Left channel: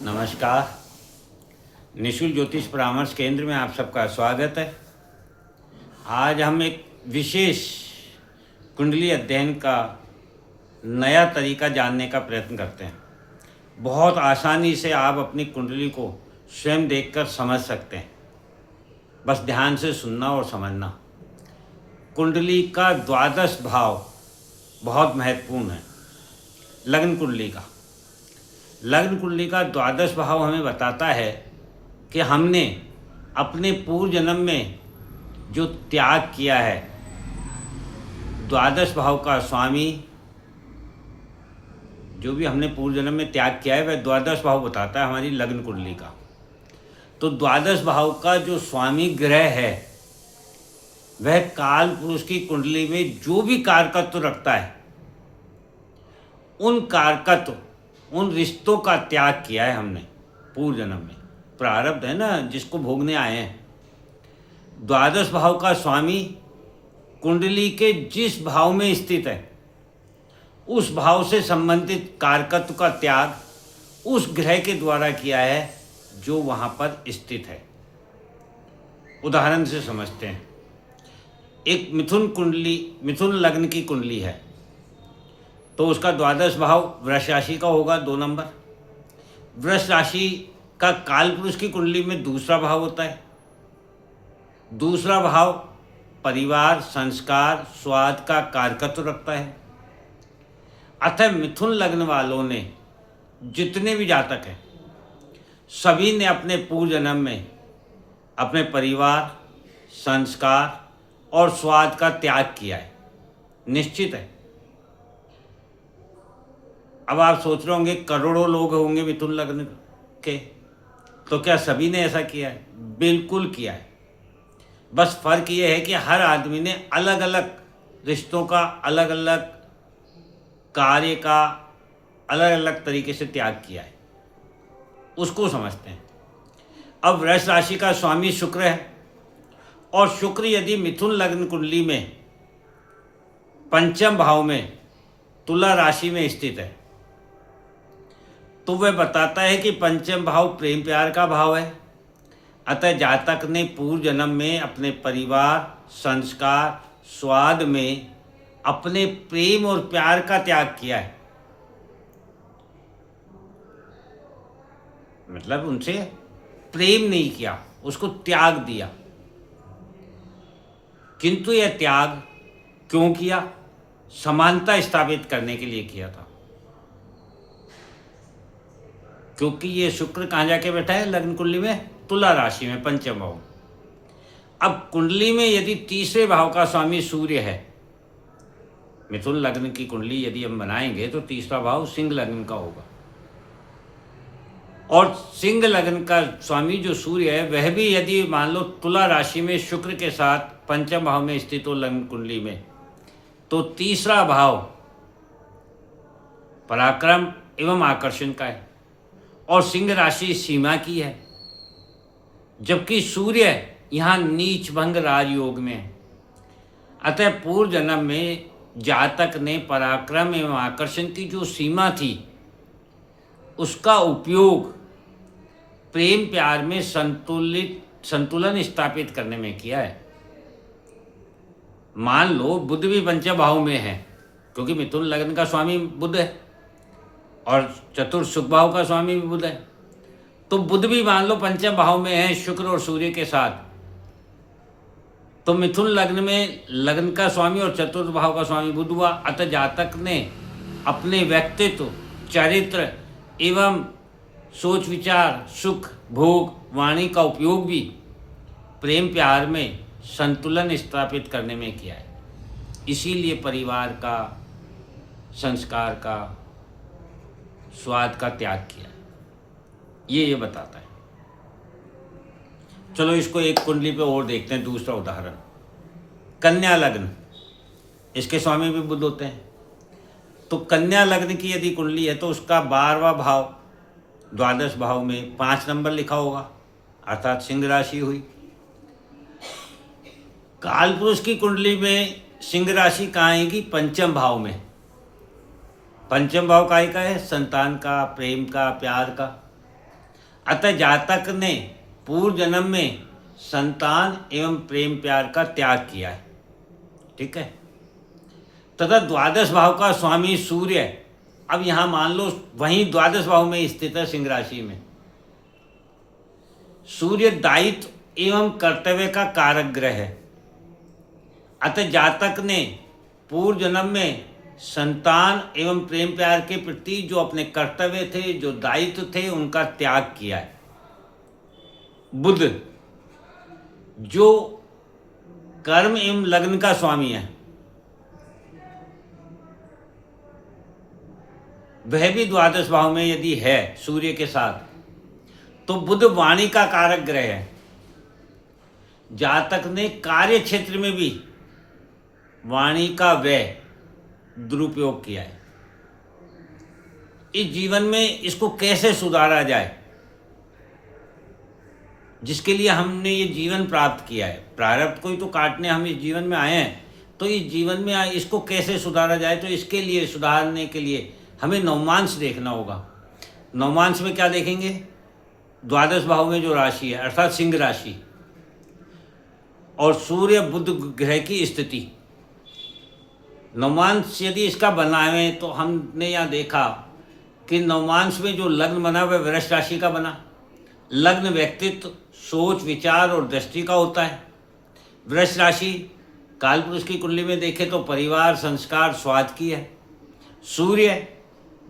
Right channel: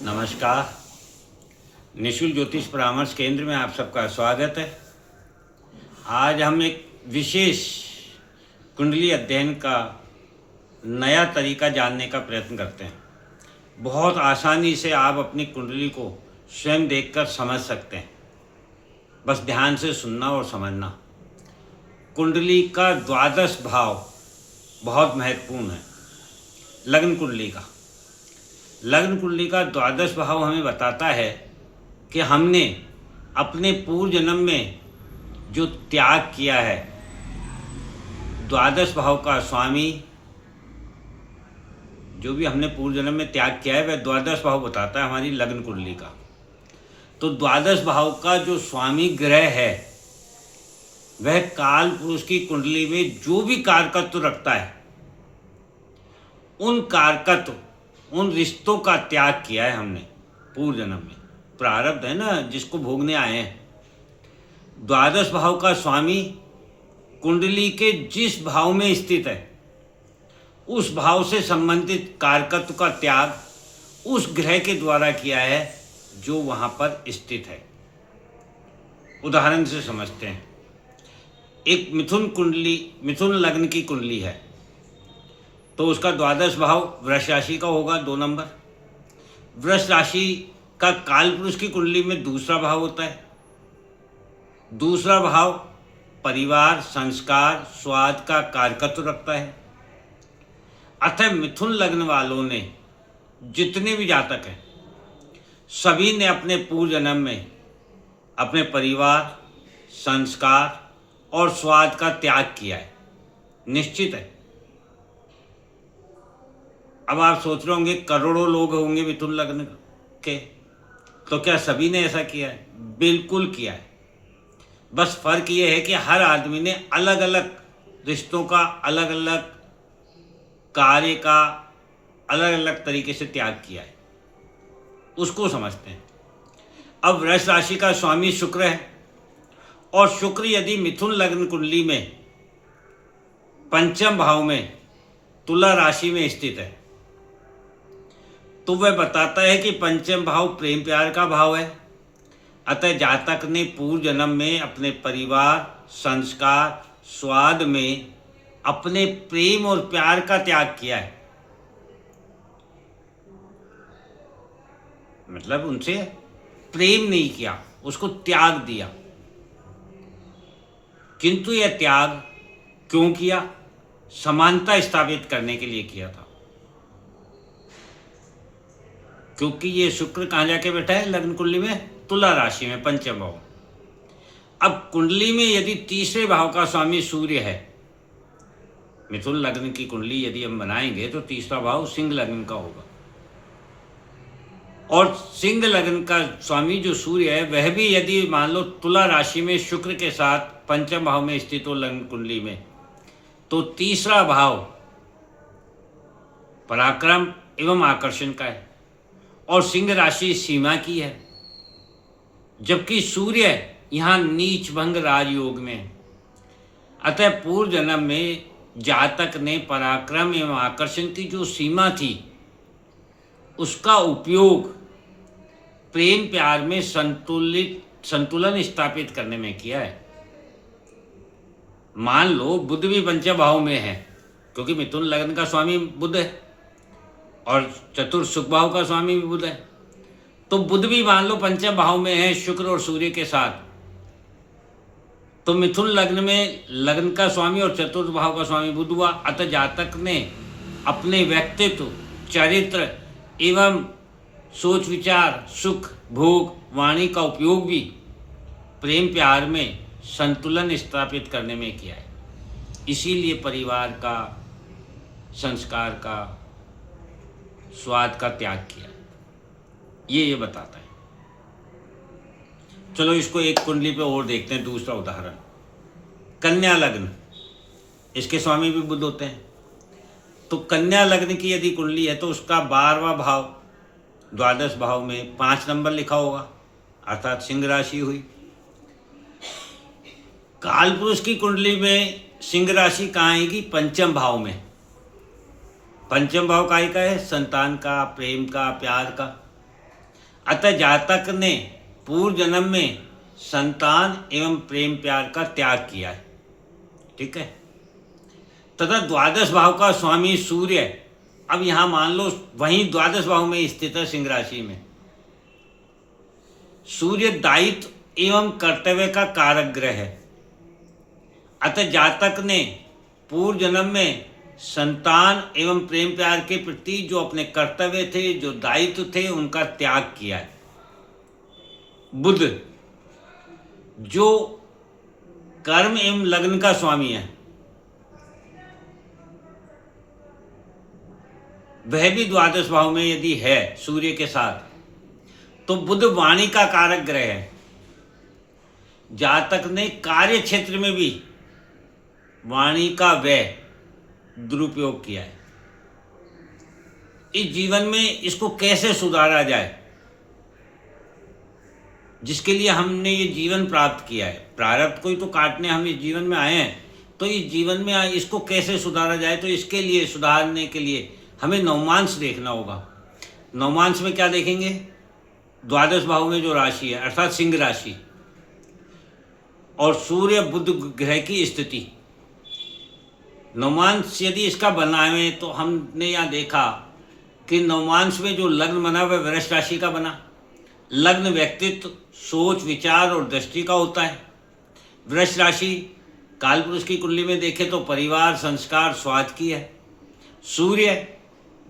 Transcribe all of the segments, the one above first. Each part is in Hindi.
नमस्कार। निशुल्क ज्योतिष परामर्श केंद्र में आप सबका स्वागत है। आज हम एक विशेष कुंडली अध्ययन का नया तरीका जानने का प्रयत्न करते हैं। बहुत आसानी से आप अपनी कुंडली को स्वयं देखकर समझ सकते हैं। बस ध्यान से सुनना और समझना। कुंडली का द्वादश भाव बहुत महत्वपूर्ण है। लग्न कुंडली का द्वादश भाव हमें बताता है कि हमने अपने पूर्व जन्म में जो त्याग किया है। द्वादश भाव का स्वामी जो भी हमने पूर्व जन्म में त्याग किया है वह द्वादश भाव बताता है हमारी लग्न कुंडली का। तो द्वादश भाव का जो स्वामी ग्रह है वह काल पुरुष की कुंडली में जो भी कारकत्व रखता है उन रिश्तों का त्याग किया है हमने पूर्व जन्म में। प्रारब्ध है ना जिसको भोगने आए हैं। द्वादश भाव का स्वामी कुंडली के जिस भाव में स्थित है उस भाव से संबंधित कारकत्व का त्याग उस ग्रह के द्वारा किया है जो वहाँ पर स्थित है। उदाहरण से समझते हैं। एक मिथुन लग्न की कुंडली है तो उसका द्वादश भाव वृष राशि का होगा 2 नंबर। वृष राशि का काल पुरुष की कुंडली में दूसरा भाव होता है। दूसरा भाव परिवार, संस्कार, स्वाद का कारकत्व रखता है। अतः मिथुन लग्न वालों ने जितने भी जातक हैं सभी ने अपने पूर्व जन्म में अपने परिवार, संस्कार और स्वाद का त्याग किया है। निश्चित है। अब आप सोच रहे होंगे करोड़ों लोग होंगे मिथुन लग्न के, तो क्या सभी ने ऐसा किया है? बिल्कुल किया है। बस फर्क ये है कि हर आदमी ने अलग अलग रिश्तों का, अलग अलग कार्य का अलग अलग तरीके से त्याग किया है। उसको समझते हैं। अब वृष राशि का स्वामी शुक्र है और शुक्र यदि मिथुन लग्न कुंडली में पंचम भाव में तुला राशि में स्थित है तो वह बताता है कि पंचम भाव प्रेम प्यार का भाव है। अतः जातक ने पूर्व जन्म में अपने परिवार, संस्कार, स्वाद में अपने प्रेम और प्यार का त्याग किया है। मतलब उनसे प्रेम नहीं किया, उसको त्याग दिया। किंतु यह त्याग क्यों किया? समानता स्थापित करने के लिए किया था। क्योंकि ये शुक्र कहाँ जाके बैठा है लग्न कुंडली में? तुला राशि में, पंचम भाव। अब कुंडली में यदि तीसरे भाव का स्वामी सूर्य है, मिथुन लग्न की कुंडली यदि हम बनाएंगे तो तीसरा भाव सिंह लग्न का होगा। और सिंह लग्न का स्वामी जो सूर्य है वह भी यदि मान लो तुला राशि में शुक्र के साथ पंचम भाव में स्थित हो लग्न कुंडली में, तो तीसरा भाव पराक्रम एवं आकर्षण का है और सिंह राशि सीमा की है। जबकि सूर्य यहाँ नीच भंग राजयोग में है। अतः पूर्व जन्म में जातक ने पराक्रम एवं आकर्षण की जो सीमा थी उसका उपयोग प्रेम प्यार में संतुलन स्थापित करने में किया है। मान लो बुध भी पंचम भाव में है क्योंकि मिथुन लग्न का स्वामी बुध है और चतुर्थ सुख भाव का स्वामी भी बुध है। तो बुध भी मान लो पंचम भाव में है शुक्र और सूर्य के साथ, तो मिथुन लग्न में लग्न का स्वामी और चतुर्थ भाव का स्वामी बुध हुआ। अतः जातक ने अपने व्यक्तित्व, चरित्र एवं सोच विचार, सुख भोग, वाणी का उपयोग भी प्रेम प्यार में संतुलन स्थापित करने में किया है। इसीलिए परिवार का, संस्कार का, स्वाद का त्याग किया। ये बताता है। चलो इसको एक कुंडली पे और देखते हैं। दूसरा उदाहरण, कन्या लग्न। इसके स्वामी भी बुध होते हैं। तो कन्या लग्न की यदि कुंडली है तो उसका 12वां भाव द्वादश भाव में 5 नंबर लिखा होगा, अर्थात सिंह राशि हुई। काल पुरुष की कुंडली में सिंह राशि कहाँ आएगी? पंचम भाव में। पंचम भाव काय का है? संतान का, प्रेम का, प्यार का। अतः जातक ने पूर्व जन्म में संतान एवं प्रेम प्यार का त्याग किया है। ठीक है। तथा द्वादश भाव का स्वामी सूर्य, अब यहाँ मान लो वहीं द्वादश भाव में स्थित है सिंह राशि में। सूर्य दायित्व एवं कर्तव्य का कारक ग्रह है। अतः जातक ने पूर्व जन्म में संतान एवं प्रेम प्यार के प्रति जो अपने कर्तव्य थे, जो दायित्व थे, उनका त्याग किया है। बुध जो कर्म एवं लग्न का स्वामी है, वह भी द्वादश भाव में यदि है सूर्य के साथ, तो बुध वाणी का कारक ग्रह है। जातक ने कार्य क्षेत्र में भी वाणी का व्यय दुरुपयोग किया है। इस जीवन में इसको कैसे सुधारा जाए, जिसके लिए हमने ये जीवन प्राप्त किया है, प्रारब्ध को ही तो काटने हम इस जीवन में आए हैं, तो इस जीवन में इसको कैसे सुधारा जाए, तो इसके लिए सुधारने के लिए हमें नवमांश देखना होगा। नवमांश में क्या देखेंगे? द्वादश भाव में जो राशि है अर्थात सिंह राशि और सूर्य बुध ग्रह की स्थिति। नवमांश यदि इसका बनाए तो हमने यहाँ देखा कि नवमांश में जो लग्न बना वह वृष राशि का बना। लग्न व्यक्तित्व, सोच, विचार और दृष्टि का होता है। वृष राशि कालपुरुष की कुंडली में देखें तो परिवार, संस्कार, स्वाद की है। सूर्य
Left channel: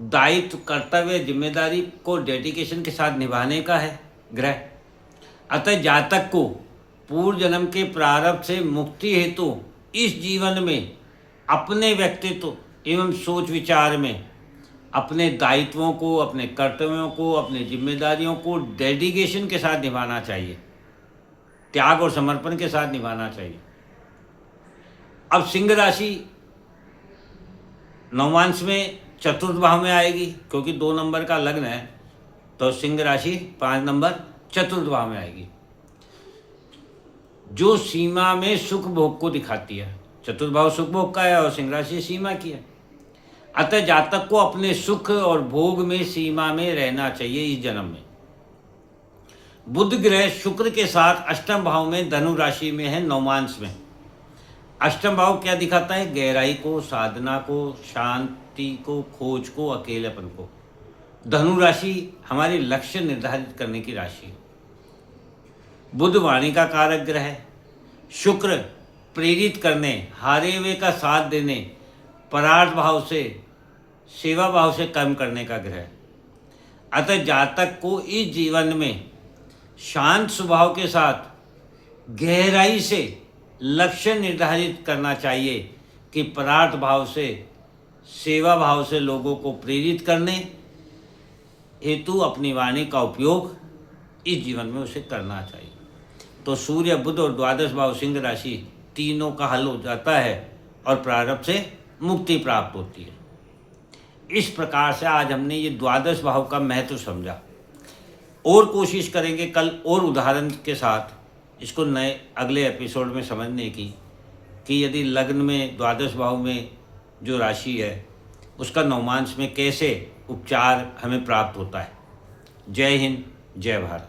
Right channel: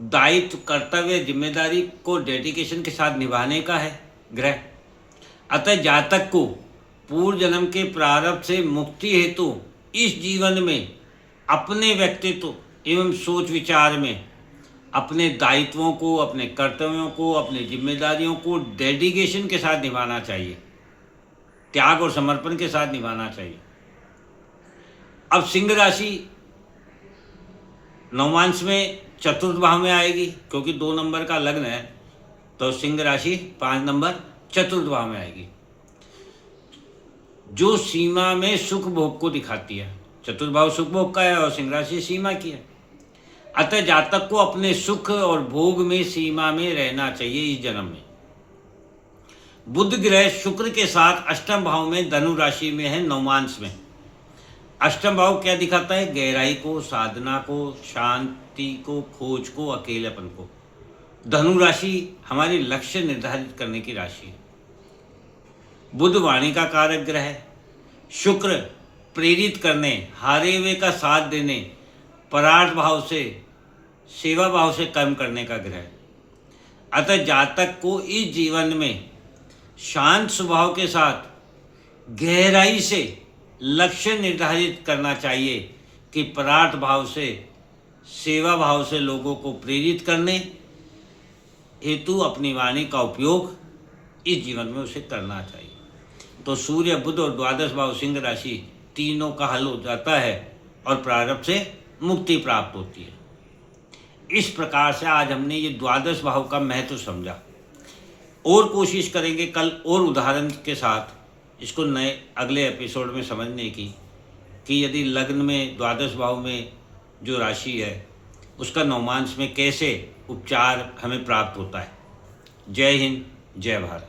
दायित्व, कर्तव्य, जिम्मेदारी को डेडिकेशन के साथ निभाने का है ग्रह। अतः जातक को पूर्व जन्म के प्रारब्ध से मुक्ति हेतु इस जीवन में अपने व्यक्तित्व एवं सोच विचार में अपने दायित्वों को, अपने कर्तव्यों को, अपनी जिम्मेदारियों को डेडिकेशन के साथ निभाना चाहिए, त्याग और समर्पण के साथ निभाना चाहिए। अब सिंह राशि नवमांश में चतुर्थ भाव में आएगी, क्योंकि 2 नंबर का लग्न है, तो सिंह राशि 5 नंबर चतुर्थ भाव में आएगी, जो सीमा में सुख भोग को दिखाती है। चतुर्थ भाव सुख भोग का है और सिंह राशि सीमा की है। अतः जातक को अपने सुख और भोग में सीमा में रहना चाहिए इस जन्म में। बुध ग्रह शुक्र के साथ अष्टम भाव में धनु राशि में है नवमांश में। अष्टम भाव क्या दिखाता है? गहराई को, साधना को, शांति को, खोज को, अकेलेपन को। धनु राशि हमारी लक्ष्य निर्धारित करने की राशि है। बुध वाणी का कारक ग्रह है। शुक्र प्रेरित करने, हारे हुए का साथ देने, परार्थ भाव से, सेवा भाव से कर्म करने का ग्रह है। अतः जातक को इस जीवन में शांत स्वभाव के साथ गहराई से लक्ष्य निर्धारित करना चाहिए कि परार्थ भाव से, सेवा भाव से लोगों को प्रेरित करने हेतु अपनी वाणी का उपयोग इस जीवन में उसे करना चाहिए। तो सूर्य, बुध और द्वादश भाव सिंह राशि तीनों का हल हो जाता है और प्रारब्ध से मुक्ति प्राप्त होती है। इस प्रकार से आज हमने ये द्वादश भाव का महत्व समझा और कोशिश करेंगे कल और उदाहरण के साथ इसको नए अगले एपिसोड में समझने की, कि यदि लग्न में द्वादश भाव में जो राशि है उसका नवमांश में कैसे उपचार हमें प्राप्त होता है। जय हिंद, जय भारत।